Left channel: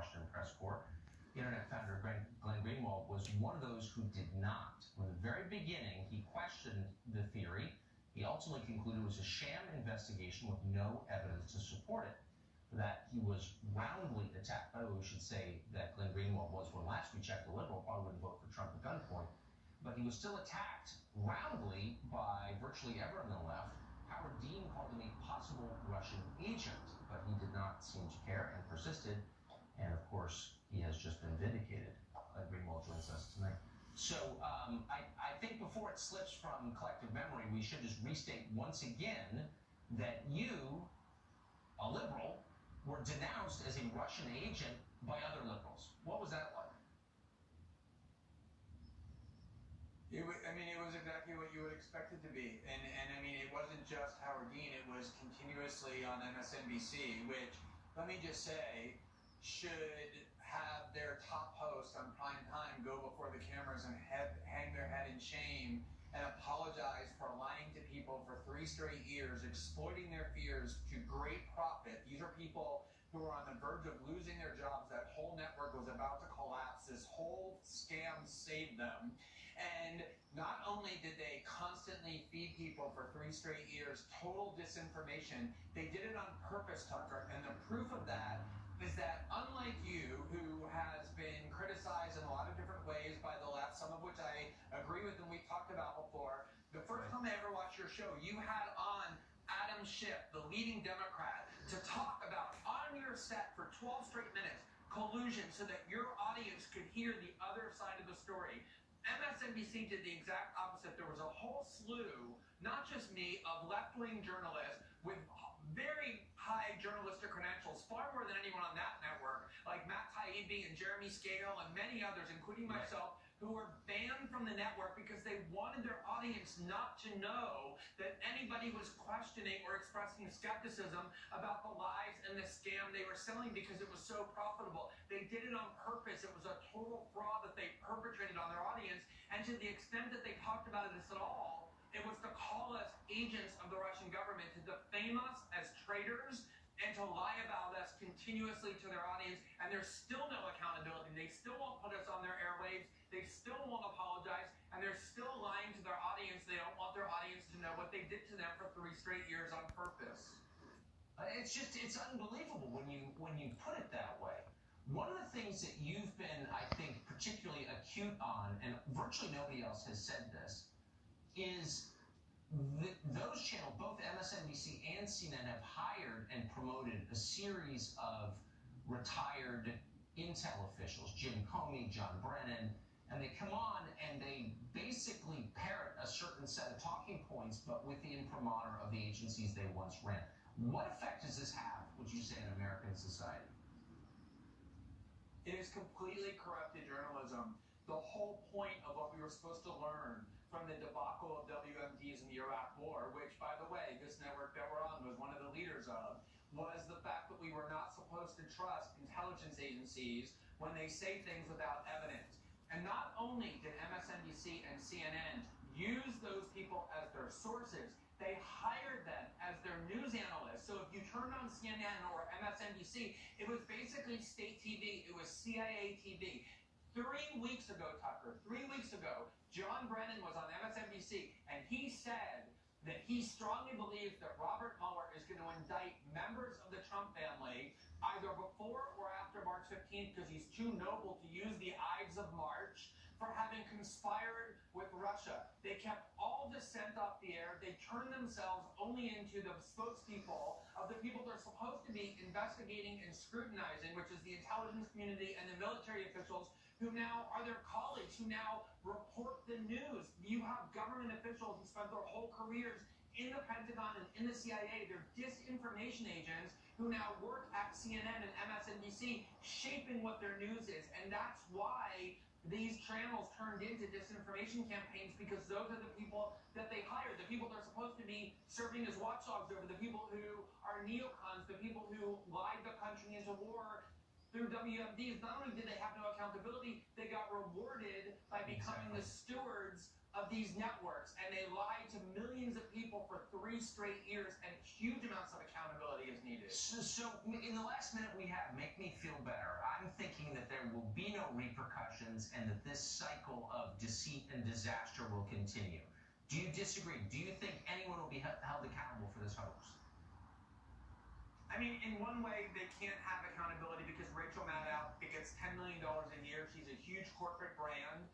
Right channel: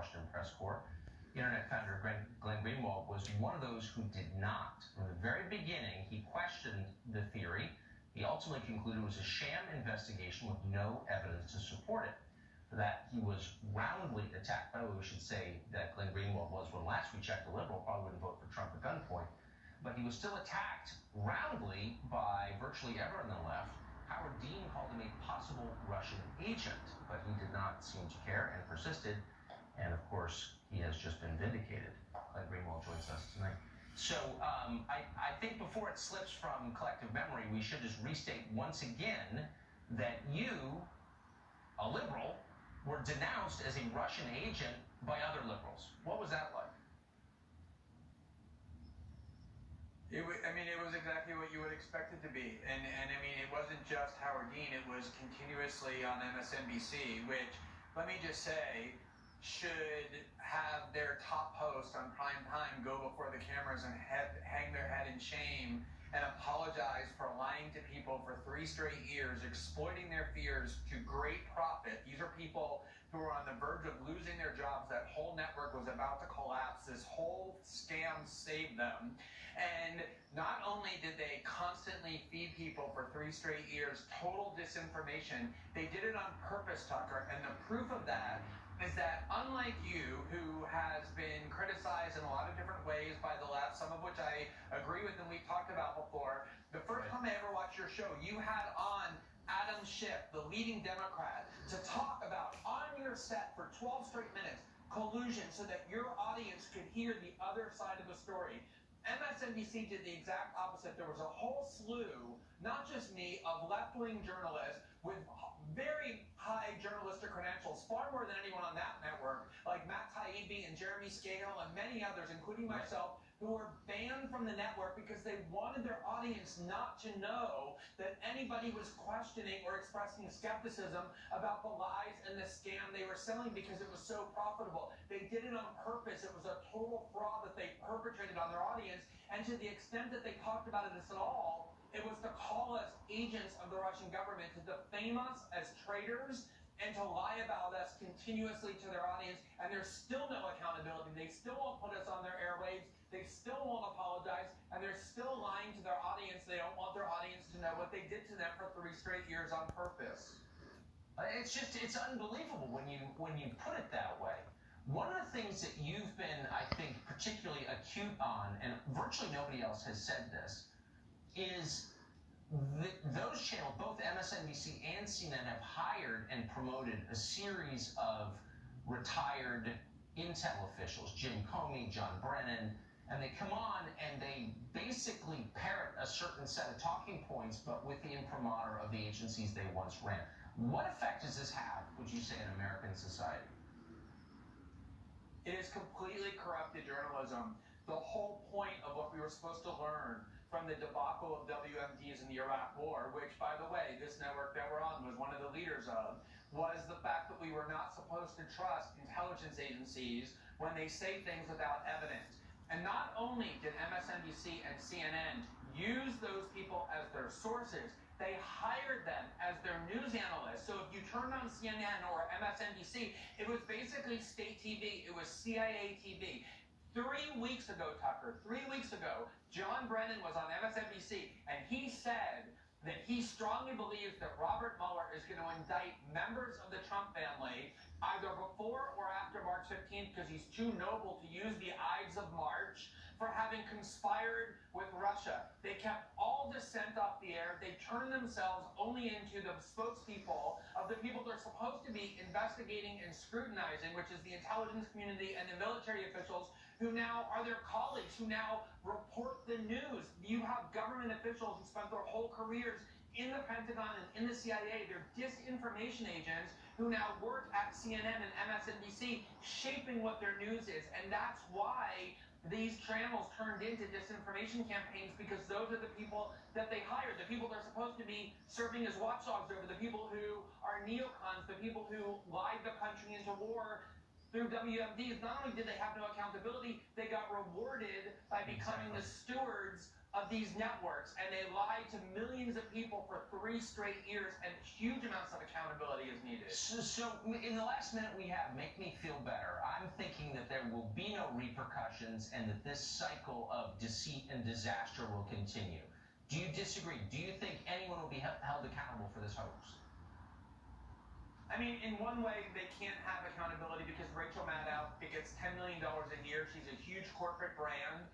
Washington press corps. Internet founder Glenn Greenwald was one of those who did not. From the very beginning, he questioned the theory. He ultimately concluded it was a sham investigation with no evidence to support it. For that, he was roundly attacked. By the way, we should say that Glenn Greenwald was, when last we checked, a liberal, probably wouldn't vote for Trump at gunpoint. But he was still attacked roundly by virtually everyone on the left. Howard Dean called him a possible Russian agent, but he did not seem to care and persisted. And of course, he has just been vindicated. Glenn Greenwald joins us tonight. So I think before it slips from collective memory, we should just restate once again that you, a liberal, were denounced as a Russian agent by other liberals. What was that like? It was exactly what you would expect it to be. And I mean, it wasn't just Howard Dean. It was continuously on MSNBC, which, let me just say, should have their top host on prime time go before the cameras and hang their head in shame and apologize for lying to people for 3 straight years, exploiting their fears to great profit. These are people who are on the verge of losing their jobs. That whole network was about to collapse. This whole scam saved them. And not only did they constantly feed people for 3 straight years total disinformation, they did it on purpose, Tucker. And the proof of that is that, unlike you, who has been criticized in a lot of different ways by the left, some of which I agree with and we've talked about before, the first time I ever watched your show, you had on Adam Schiff, the leading Democrat, to talk about, on your set for 12 straight minutes, collusion so that your audience could hear the other side of the story. MSNBC did the exact opposite. There was a whole slew, not just me, of left-wing journalists with very high journalistic credentials, far more than anyone on that network, like Matt Taibbi and Jeremy Scale and many others, including myself, who were banned from the network because they wanted their audience not to know that anybody was questioning or expressing skepticism about the lies and the scam they were selling because it was so profitable. They did it on purpose. It was a total fraud that they perpetrated on their audience, and to the extent that they talked about this at all, it was to call us agents of the Russian government, to defame us as traitors, and to lie about us continuously to their audience. And there's still no accountability. They still won't put us on their airwaves. They still won't apologize. And they're still lying to their audience. They don't want their audience to know what they did to them for 3 straight years on purpose. It's unbelievable when you put it that way. One of the things that you've been, I think, particularly acute on, and virtually nobody else has said this, is those channels, both MSNBC and CNN, have hired and promoted a series of retired intel officials, Jim Comey, John Brennan, and they come on and they basically parrot a certain set of talking points, but with the imprimatur of the agencies they once ran. What effect does this have, would you say, in American society? It is completely corrupted journalism. The whole point of what we were supposed to learn from the debacle of WMDs in the Iraq War, which, by the way, this network that we're on was one of the leaders of, was the fact that we were not supposed to trust intelligence agencies when they say things without evidence. And not only did MSNBC and CNN use those people as their sources, they hired them as their news analysts. So if you turned on CNN or MSNBC, it was basically state TV. It was CIA TV. 3 weeks ago, Tucker, 3 weeks ago, John Brennan was on MSNBC, and he said that he strongly believes that Robert Mueller is going to indict members of the Trump family either before or after March 15th because he's too noble to use the Ides of March for having conspired with Russia. They kept all dissent off the air. They turned themselves only into the spokespeople of the people they're supposed to be investigating and scrutinizing, which is the intelligence community and the military officials who now are their colleagues, who now report the news. You have government officials who spent their whole careers in the Pentagon and in the CIA. They're disinformation agents who now work at CNN and MSNBC, shaping what their news is. And that's why these channels turned into disinformation campaigns, because those are the people that they hired, the people they're supposed to be serving as watchdogs over, the people who are neocons, the people who lied the country into war through WMDs. Not only did they have no accountability, they got rewarded by becoming the stewards of these networks, and they lied to millions of people for 3 straight years, and huge amounts of accountability is needed. So in the last minute we have, make me feel better. I'm elections and that this cycle of deceit and disaster will continue. Do you disagree? Do you think anyone will be held accountable for this hoax? I mean, in one way, they can't have accountability because Rachel Maddow gets $10 million a year. She's a huge corporate brand,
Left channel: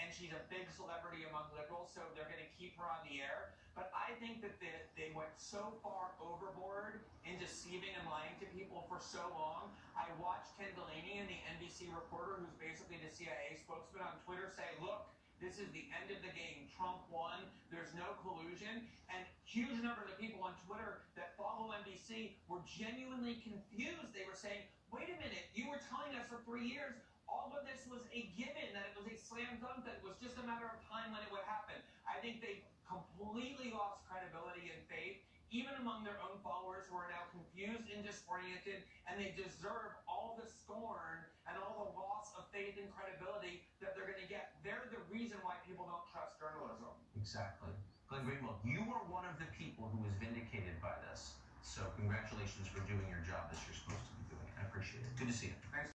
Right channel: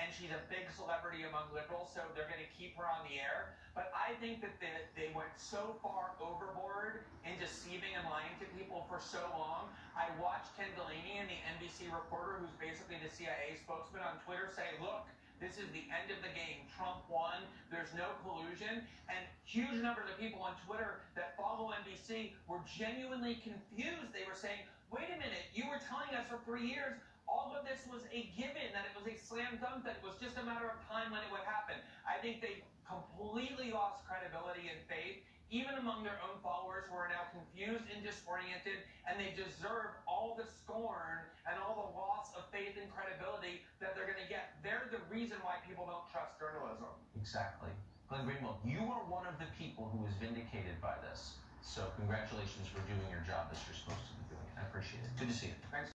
and she's a big celebrity among liberals, so they're going to keep her on the air. But I think that they went so far overboard in deceiving and lying to people for so long. I watched Ken Delaney, the NBC reporter, who's basically the CIA spokesman, on Twitter say, look, this is the end of the game. Trump won. There's no collusion. And huge numbers of people on Twitter that follow NBC were genuinely confused. They were saying, wait a minute, you were telling us for 3 years all of this was a given, that it was a slam dunk, that it was just a matter of time when it would happen. I think they completely lost credibility and faith, even among their own followers who are now confused and disoriented, and they deserve all the scorn and all the loss of faith and credibility that they're going to get. They're the reason why people don't trust journalism. Exactly. Glenn Greenwald, you are one of the people who was vindicated by this. So congratulations for doing your job as you're supposed to be doing. I appreciate it. Good to see you. Thanks.